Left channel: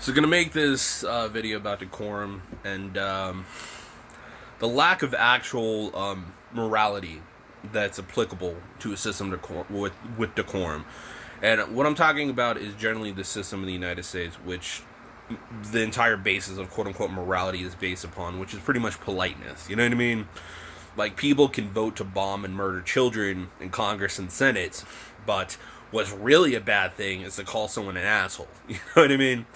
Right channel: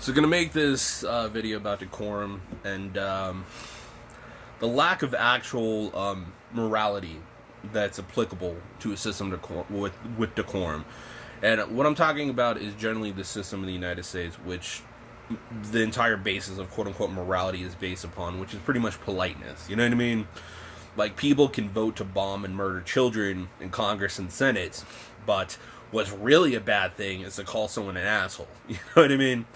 So gonna make this video about decorum and the lack of actual morality that's applicable to a system with decorum. And what I'm talking about is generally the system in the United States, which the entire basis of quote-unquote morality is based upon, which is pretty much politeness. You know what I mean? Like, people can vote to bomb and murder children in Congress and Senate, but what's really a bad thing is to call someone an asshole. You know what I mean?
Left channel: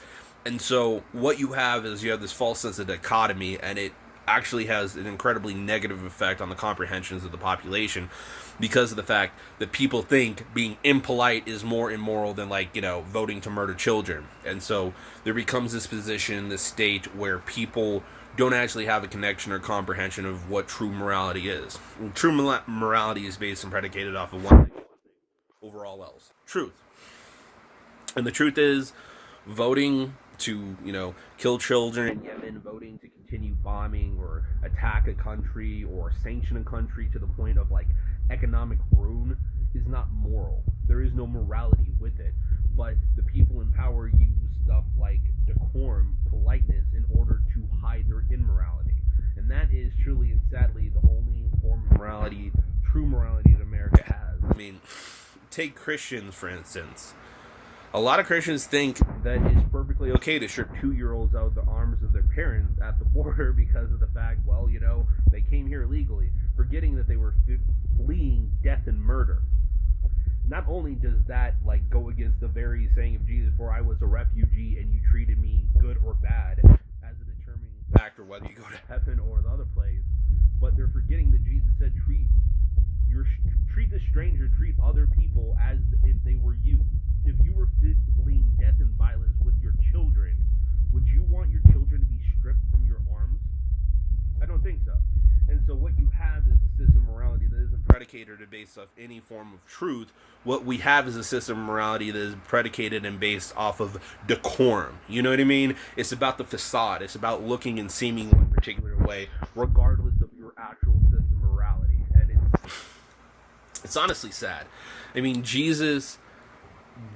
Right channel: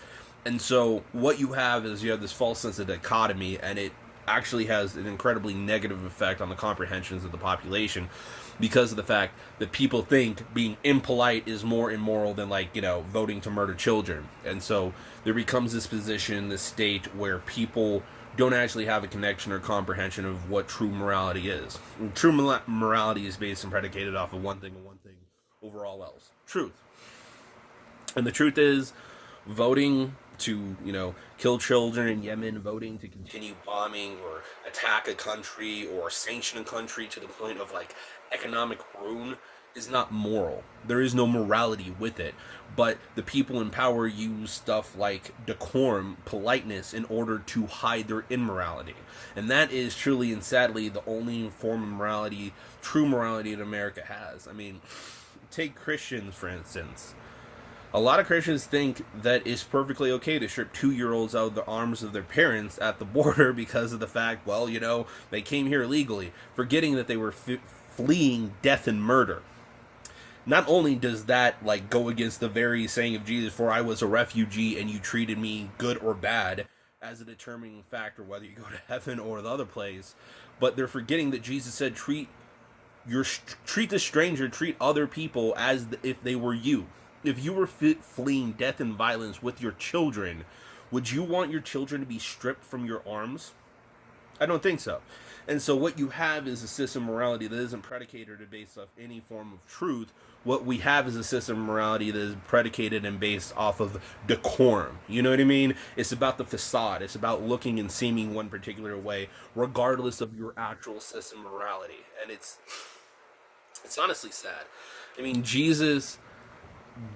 And so what you have is you have this false sense of dichotomy, and it actually has an incredibly negative effect on the comprehensions of the population because of the fact that people think being impolite is more immoral than, like, you know, voting to murder children. And so there becomes this position in this state where people don't actually have a connection or comprehension of what true morality is. And true morality is based and predicated off of one thing over all else: truth. And the truth is, voting to, you know, kill children in Yemen, voting to continue bombing or attack a country or sanction a country to the point of, like, economic ruin is not moral. There is no morality with it. But the people in power use stuff like decorum, politeness, in order to hide their immorality. And that is truly and sadly the only form of morality, true morality, that America has. I mean, take Christians, for instance. A lot of Christians think that it's perfectly okay to strip 2-year-olds out of the arms of their parents at the border because of the fact, well, you know, they came here illegally, forgetting that they were fleeing death and murder. Not only does that, like, go against the very saying of Jesus, for I was a refugee and you treated me good or bad, as a determining factor whether you go to heaven or the other place, but they're forgetting that Jesus said treat the stranger, treat other people as if they were you. If you were fleeing death and violence with your children, would you want your children to be stripped from your arms? I don't think so. And so what you have is a system of morality that isn't predicated or based off any form of truth. What we have is a system of morality that is predicated and based off of decorum. You know what I mean? It's about the facade. It's about looking and seeming one particular way, regardless of your actual system of morality. And it's honestly sad. I mean, Jesus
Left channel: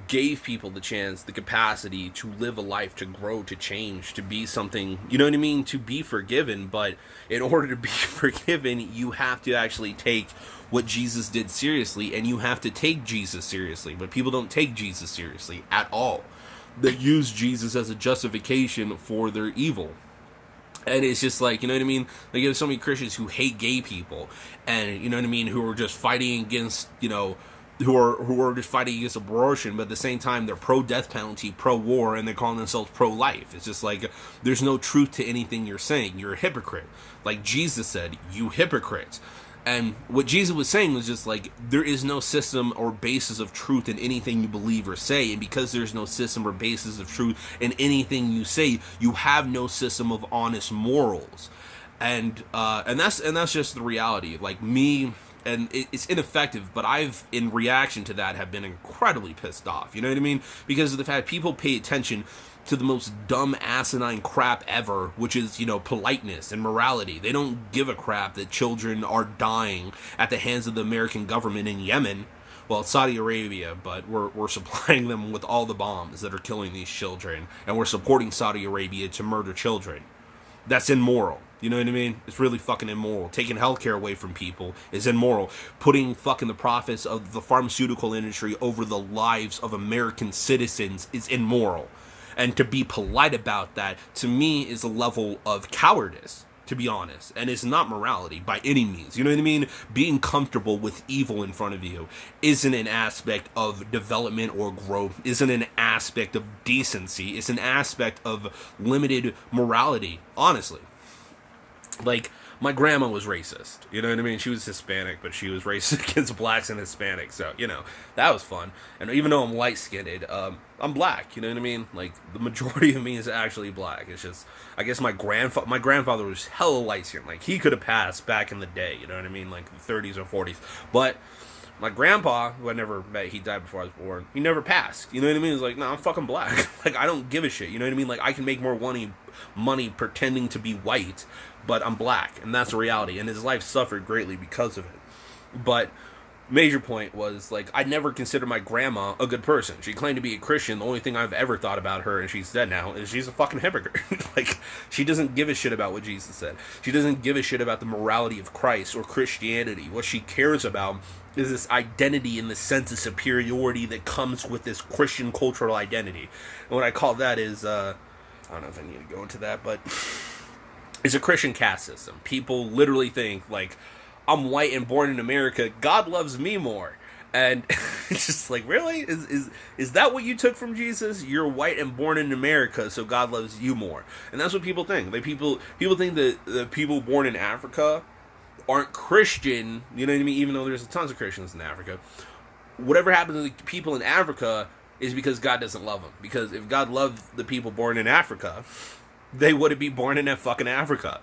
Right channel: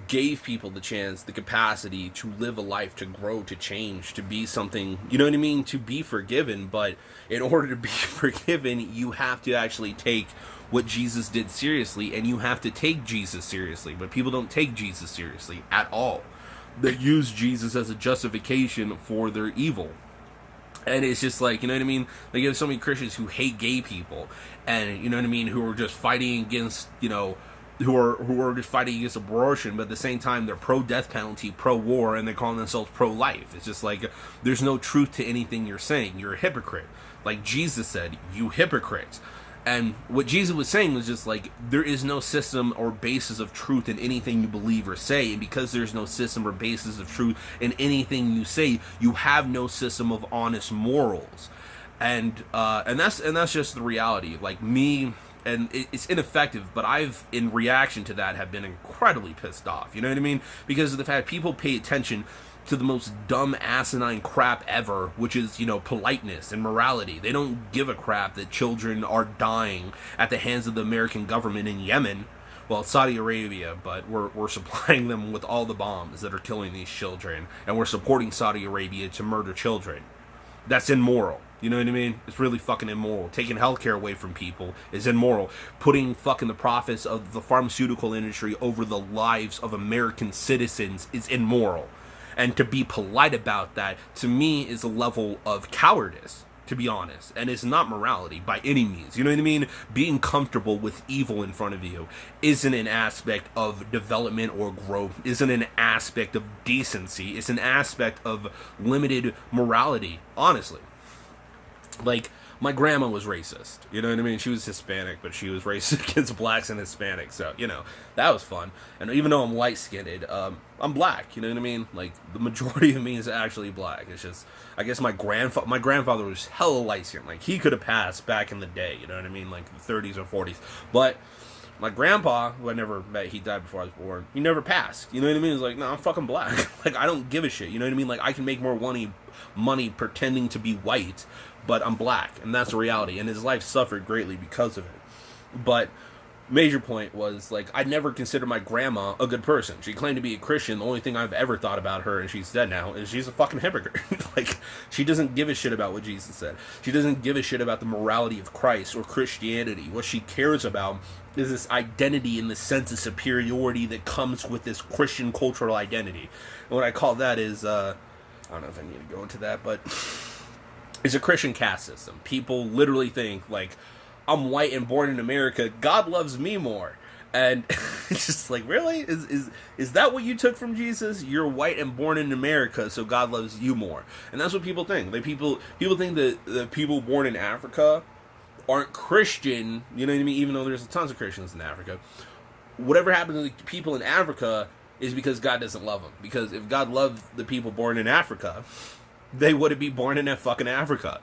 gave people the chance, the capacity to live a life, to grow, to change, to be something, you know what I mean, to be forgiven. But in order to be forgiven, you have to actually take what Jesus did seriously, and you have to take Jesus seriously. But people don't take Jesus seriously at all. They use Jesus as a justification for their evil. And it's just like, you know what I mean? Like, you have so many Christians who hate gay people, and, you know what I mean, who are just fighting against, you know, who are just fighting against abortion, but at the same time they're pro-death penalty, pro-war, and they're calling themselves pro-life. It's just like, there's no truth to anything you're saying. You're a hypocrite. Like Jesus said, you hypocrites. And what Jesus was saying was just like, there is no system or basis of truth in anything you believe or say, and because there's no system or basis of truth in anything you say, you have no system of honest morals. And that's just the reality. Like, me, and it's ineffective, but I've, in reaction to that, have been incredibly pissed off. You know what I mean? Because of the fact people pay attention to the most dumb, asinine crap ever, which is, you know, politeness and morality. They don't give a crap that children are dying at the hands of the American government in Yemen. Well, Saudi Arabia, but we're supplying them with all the bombs that are killing these children, and we're supporting Saudi Arabia to murder children. That's immoral. You know what I mean? It's really fucking immoral. Taking healthcare away from people is immoral. Putting fucking the profits of the pharmaceutical industry over the lives of American citizens is immoral. And to be polite about that, to me, is a level of cowardice, to be honest. And it's not morality by any means. You know what I mean? Being comfortable with evil in front of you isn't an aspect of development or growth, isn't an aspect of decency. It's an aspect of limited morality, honestly. Like, my grandma was racist, you know what I mean? She was Hispanic, but she was racist against blacks and Hispanics, so, you know, that was fun. And even though I'm light-skinned, I'm black, you know what I mean? Like, the majority of me is actually black. It's just, I guess my grandfather was hella light-skinned. Like, he could have passed back in the day, you know what I mean? Like, the 30s or 40s. But my grandpa, who I never met, he died before I was born, he never passed, you know what I mean? He's like, no, I'm fucking black. Like, I don't give a shit, you know what I mean? Like, I can make more money pretending to be white, but I'm black, and that's the reality. And his life suffered greatly because of it. But major point was, like, I never considered my grandma a good person. She claimed to be a Christian. The only thing I've ever thought about her, and she's dead now, is she's a fucking hypocrite. Like, she doesn't give a shit about what Jesus said. She doesn't give a shit about the morality of Christ or Christianity. What she cares about is this identity and the sense of superiority that comes with this Christian cultural identity. And what I call that is, I don't know if I need to go into that, but it's a Christian caste system. People literally think, like, I'm white and born in America, God loves me more. And it's just like, really? Is that what you took from Jesus? You're white and born in America, so God loves you more. And that's what people think. Like, people think that the people born in Africa aren't Christian, you know what I mean? Even though there's tons of Christians in Africa. Whatever happens to the people in Africa is because God doesn't love them. Because if God loved the people born in Africa, they wouldn't be born in that fucking Africa.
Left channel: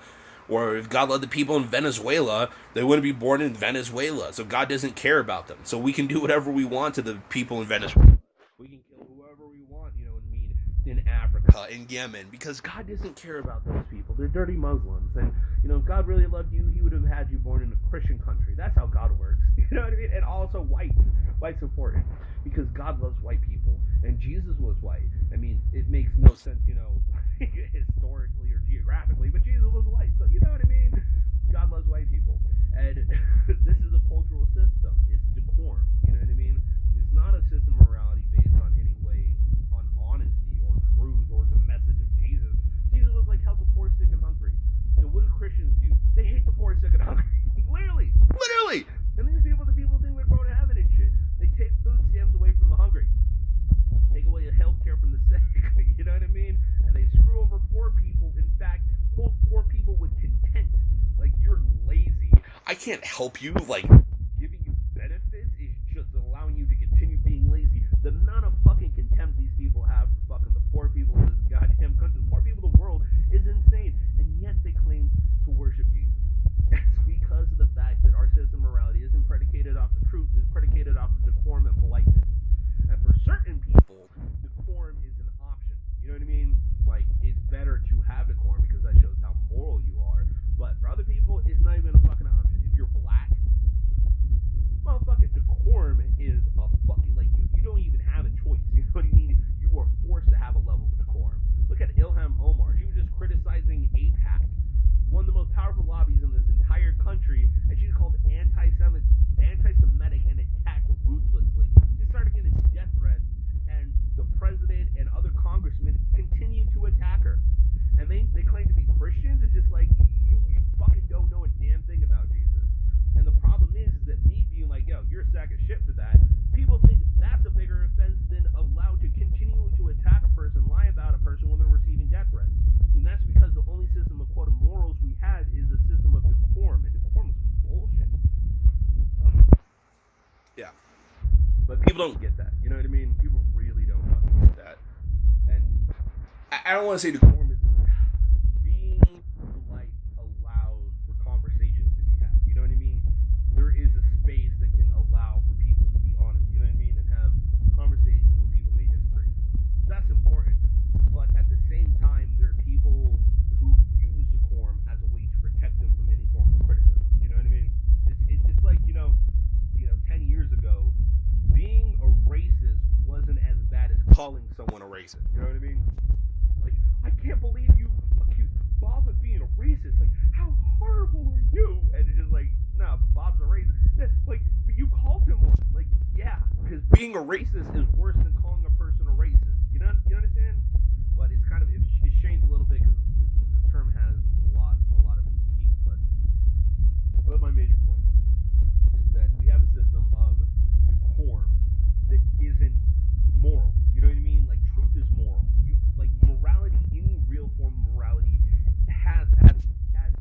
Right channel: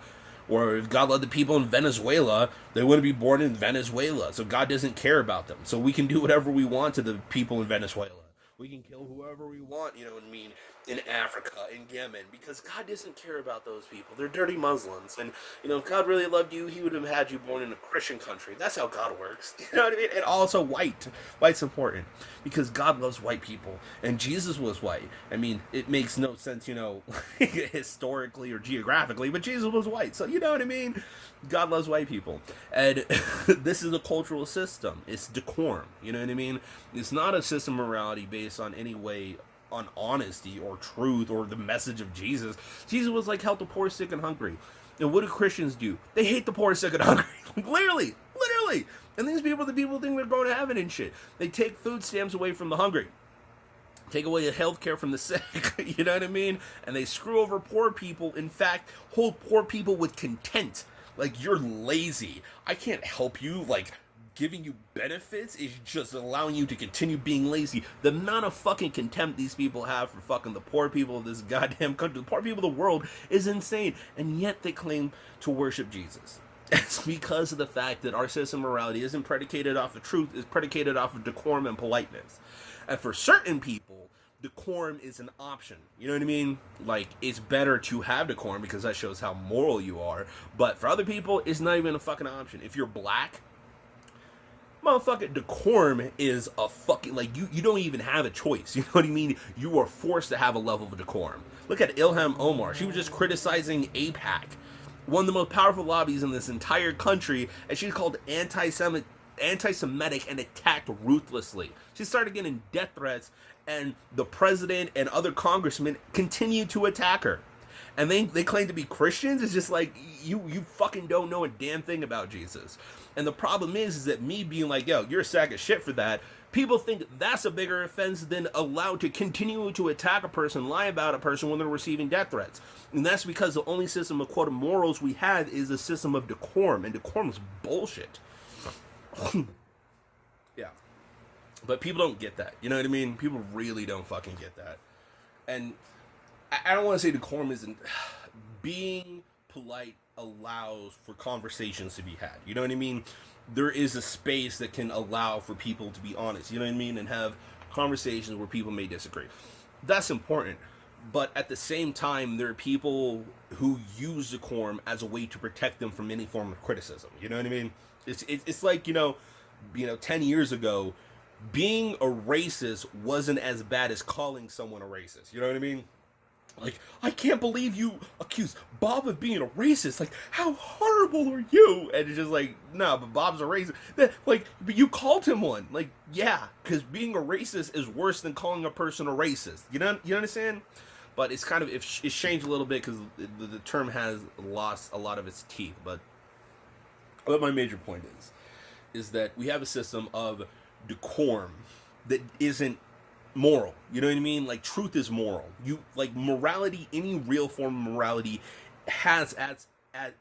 Or if God loved the people in Venezuela, they wouldn't be born in Venezuela. So God doesn't care about them. So we can do whatever we want to the people in Venezuela. We can kill whoever we want, you know what I mean, in Africa, in Yemen, because God doesn't care about those people. They're dirty Muslims. And, you know, if God really loved you, he would have had you born in a Christian country. That's how God works. You know what I mean? And also white. White's important because God loves white people. And Jesus was white. I mean, it makes no sense, you know, historically or geographically, but Jesus was white. So, you know what I mean? God loves white people. And this is a cultural system. It's decorum. You know what I mean? It's not a system of morality based on any way on honesty or truth or the message of Jesus. Jesus was like, help the poor, sick, and hungry. And what do Christians do? They hate the poor, sick, and hungry. Literally. And these people, the people think they're going to heaven and shit. They take food stamps away from the hungry. Take away the health care from the sick. You know what I mean? And they screw over poor people. In fact, hold poor people with contempt. Like, you're lazy. I can't help you. Like, giving you benefits is just allowing you to continue being lazy. The amount of fucking contempt these people have for fucking the poor people of this goddamn country, the poor people of the world, is insane. And yet they claim to worship Jesus. It's because of the fact that our system of morality isn't predicated off of truth, it's predicated off of decorum and politeness. And for certain people, decorum is an option. You know what I mean? Like, it's better to have decorum because that shows how moral you are. But for other people, it's not even a fucking option. If you're black, motherfucking decorum is a fucking, like, you don't even have a choice. You know what I mean? You are forced to have a level of decorum. Look at Ilhan Omar. She was just criticizing AIPAC, one of the most powerful lobbies in this entire country, and she's called anti-Semitic and attacked ruthlessly. She started getting death threats, and the president and other congressmen continue to attack her. And they claim to be Christians. It's just like, you fucking don't know a damn thing about Jesus. And the problem is that me being like, yo, you're a sack of shit for that, people think that's a bigger offense than allowed to continue to attack a person, lie about a person when they're receiving death threats. And that's because the only system of quote morals we had is a system of decorum, and decorum is bullshit. Yeah. But people don't get that. You know what I mean? People really don't fucking get that. And I don't want to say decorum isn't. Being polite allows for conversations to be had. You know what I mean? There is a space that can allow for people to be honest. You know what I mean? And have conversations where people may disagree. That's important. But at the same time, there are people who use decorum as a way to protect them from any form of criticism. You know what I mean? It's like, you know, 10 years ago, being a racist wasn't as bad as calling someone a racist. You know what I mean? Like, I can't believe you accused Bob of being a racist. Like, how horrible are you? And it's just like, no, but Bob's a racist. Like, but you called him one. Like, yeah, because being a racist is worse than calling a person a racist. You understand? But it's kind of, it's changed a little bit because the term has lost a lot of its teeth. But what my major point is that we have a system of decorum that isn't moral. You know what I mean? Like, truth is moral. You, like, morality, any real form of morality has as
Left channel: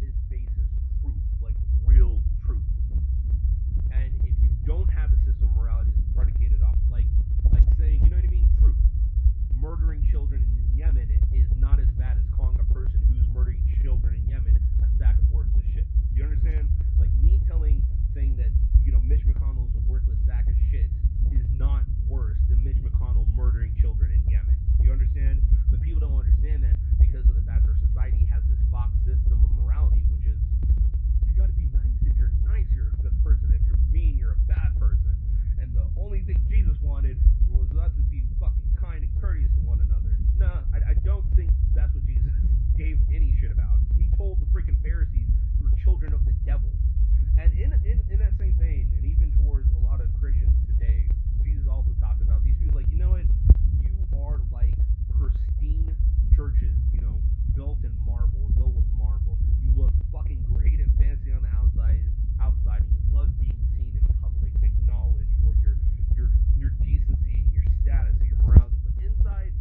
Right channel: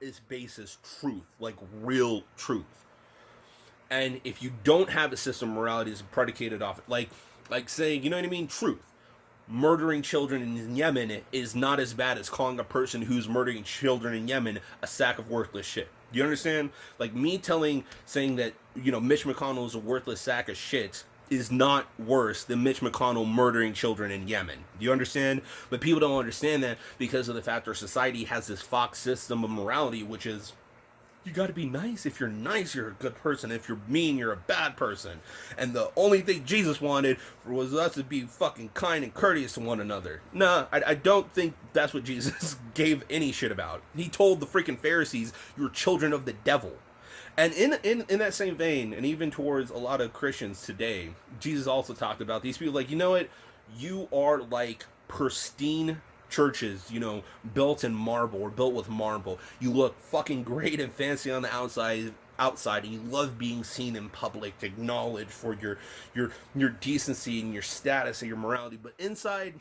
its basis truth, like real truth. And if you don't have a system of morality that's predicated off it, like saying, you know what I mean, truth. Murdering children in Yemen is not as bad as calling a person who's murdering children in Yemen a sack of worthless shit. You understand? Like, me saying that, you know, Mitch McConnell is a worthless sack of shit is not worse than Mitch McConnell murdering children in Yemen. You understand? But people don't understand that because of the fact our society has this Fox system of morality, which is You gotta be nice. If you're nice, you're a good person. If you're mean, you're a bad person. And the only thing Jesus wanted was us to be fucking kind and courteous to one another. Nah, I don't think that's what Jesus gave any shit about. He told the freaking Pharisees, you're children of the devil. And in that same vein, and even towards a lot of Christians today, Jesus also talked about these people like, you know what? You are like pristine churches, you know, built in marble or built with marble. You look fucking great and fancy on the outside, and you love being seen in public, acknowledged for your decency and your status and your morality. But inside,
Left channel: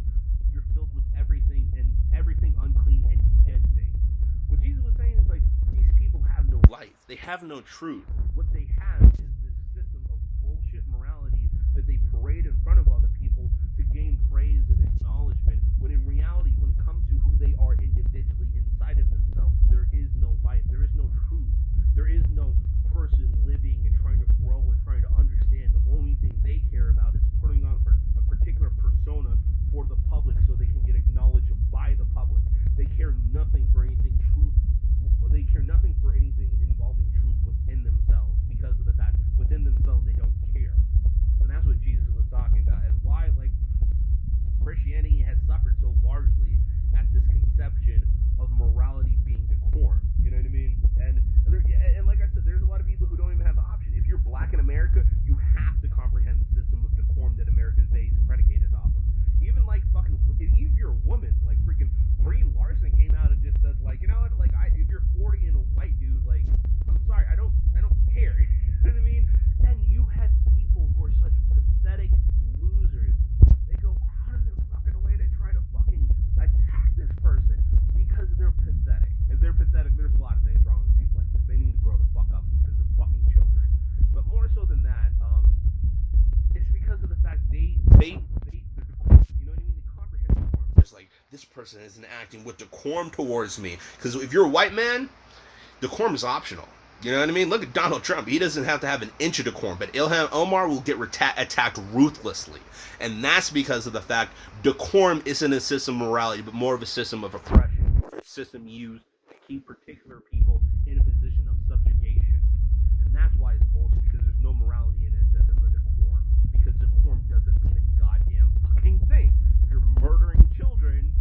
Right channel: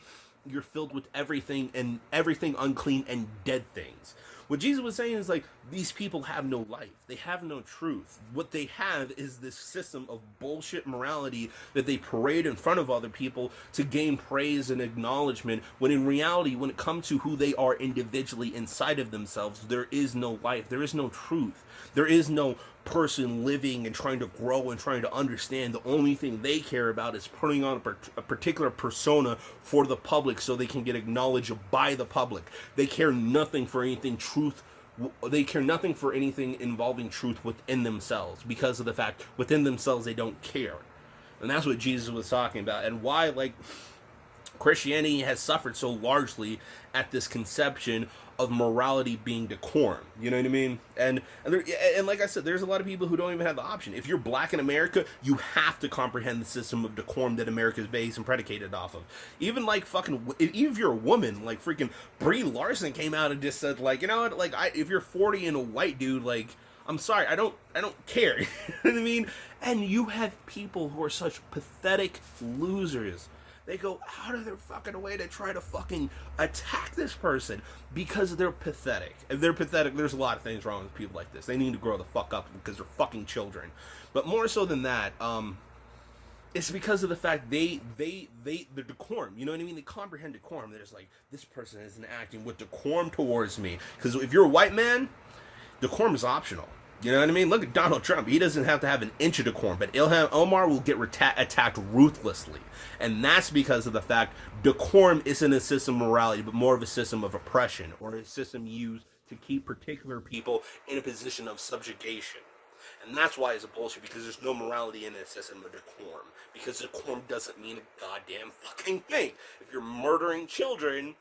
you're filled with everything unclean and dead things. What Jesus was saying is like, these people have no life. They have no truth. What they have is this system of bullshit morality that they parade in front of other people to gain praise and acknowledgement, when in reality, when it comes to who they are individually inside of themselves, there is no life. There is no truth. There is no person living and trying to grow and trying to understand. The only thing they care about is putting on a particular persona for the public so they can get acknowledged by the public. They care nothing for anything They care nothing for anything involving truth within themselves, because of the fact within themselves they don't care. And that's what Jesus was talking about, and why like Christianity has suffered so largely at this conception of morality being decorum. You know what I mean? And like I said, there's a lot of people who don't even have the option. If you're black in America, you have to comprehend the system of decorum that America is based and predicated off of. Even like even if you're a woman, like freaking Brie Larson came out and just said like, you know what, like if you're 40 and a white dude, like I'm sorry, I don't care. You know what I mean? And you have people who are such pathetic losers. They go out of their fucking way to try to fucking attack this person because they're pathetic. If they're pathetic, there's a lot of things wrong with people like this. They need to grow the fuck up because they're fucking children. But more so than that, it's because of the fact they're decorum. You know what I mean? They comprehend decorum. There's like, this person isn't acting with decorum towards me. Because if you're a white man, decorum is optional. You know what I mean? Look at Donald Trump. He doesn't have to have an inch of decorum, but Ilhan Omar will get attacked ruthlessly. And that's because of the fact decorum isn't a system of morality, but more of a system of oppression, or a system used to keep particular people in a position of subjugation. And that's why it's a bullshit, because there's no morality in a system of decorum. Because decorum doesn't mean a goddamn fucking thing. If you're murdering children,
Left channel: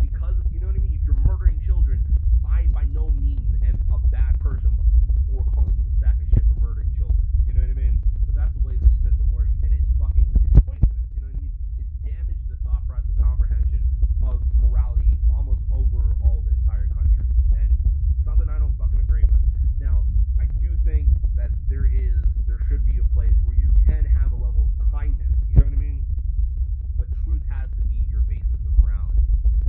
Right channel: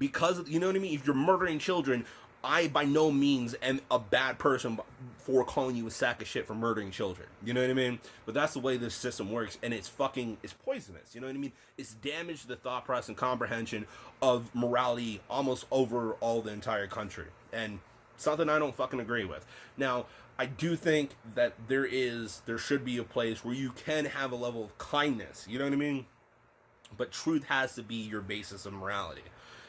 you know what I mean? If you're murdering children, I by no means am a bad person for calling you a sack of shit for murdering children. You know what I mean? But that's the way this system works, and it's poisonous. You know what I mean? It's damaged the thought process and comprehension of morality almost over all the entire country. And something I don't fucking agree with. Now, I do think that there should be a place where you can have a level of kindness. You know what I mean? But truth has to be your basis of morality.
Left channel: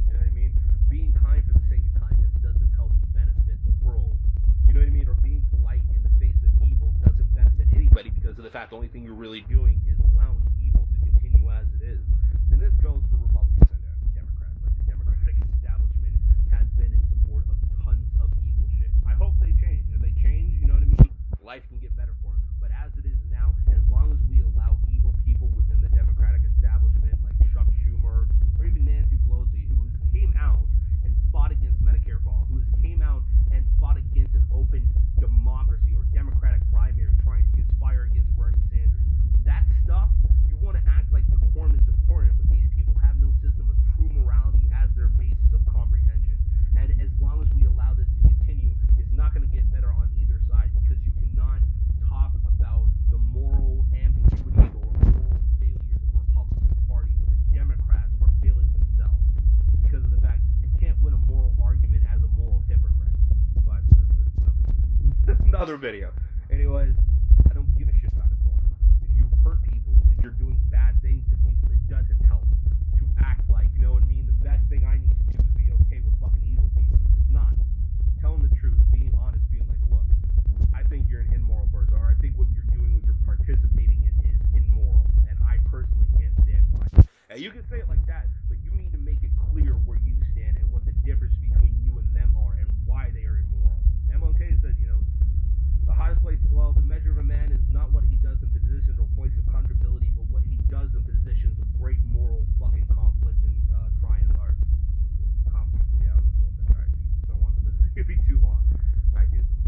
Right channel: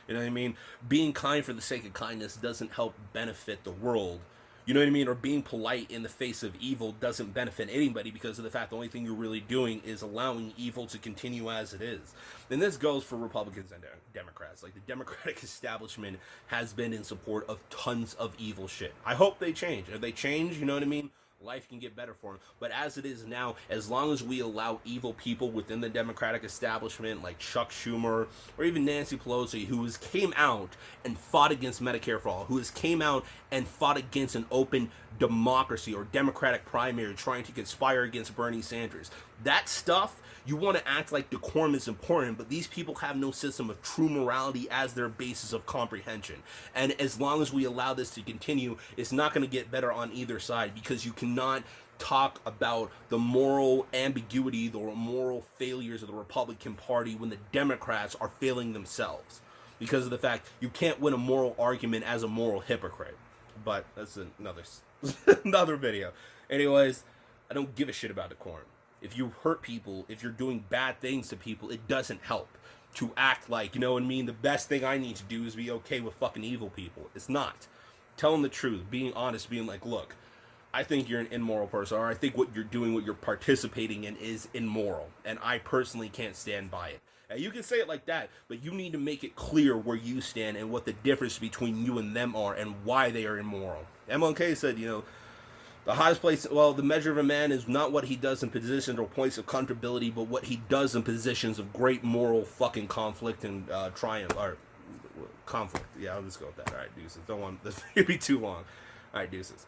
You know what I mean? Being kind for the sake of kindness doesn't help benefit the world. You know what I mean? Or being polite in the face of evil doesn't benefit anybody, because of the fact the only thing you're really doing is allowing evil to continue as it is. And this goes for Republicans and Democrats. Like, the Democratic establishment has been in support of tons of evil shit. I hope they change. If they change, you know what I mean? Life can get better for them. But as it is now, as long as we allow evil people within the Democratic establishment, like Chuck Schumer or even Nancy Pelosi, who came out and fought against Medicare for All, who came out and fought against an open democracy or Democratic primary, trying to conspire against Bernie Sanders. That stuff, you want to act like decorum is important, but these people have no system of true morality as their basis of comprehension. And as long as we allow this to continue, it's not going to get better on either side, because you cannot talk about the moral ambiguity, the moral failures of the Republican Party when the Democrats are failing themselves, because of the fact you can't win a moral argument as a moral hypocrite. But that's another video. Anyways, I don't give a shit about decorum. If you hurt people, if you're doing bad things to people, it doesn't help to act like, you know what I mean, the best thing I need to do is be okay with fucking evil people. It's not. Telling the truth, being honest, being like, look, I think you're an immoral person, or I think what you're doing, what you're participating in is immoral, and I personally can't stand by it. And you can say it like that, but you need to make it clear where you stand and what the difference between you and them are and why they are immoral. MLK said, you know, the highest place, well, the measure of a man is not what he does in positions or points of comfortability, but what he does in positions of great moral fucking conflict and triumph, or conflict. Yeah, I'll just go with that. All right, deuces. Don't want this to be too long. All right, deuces.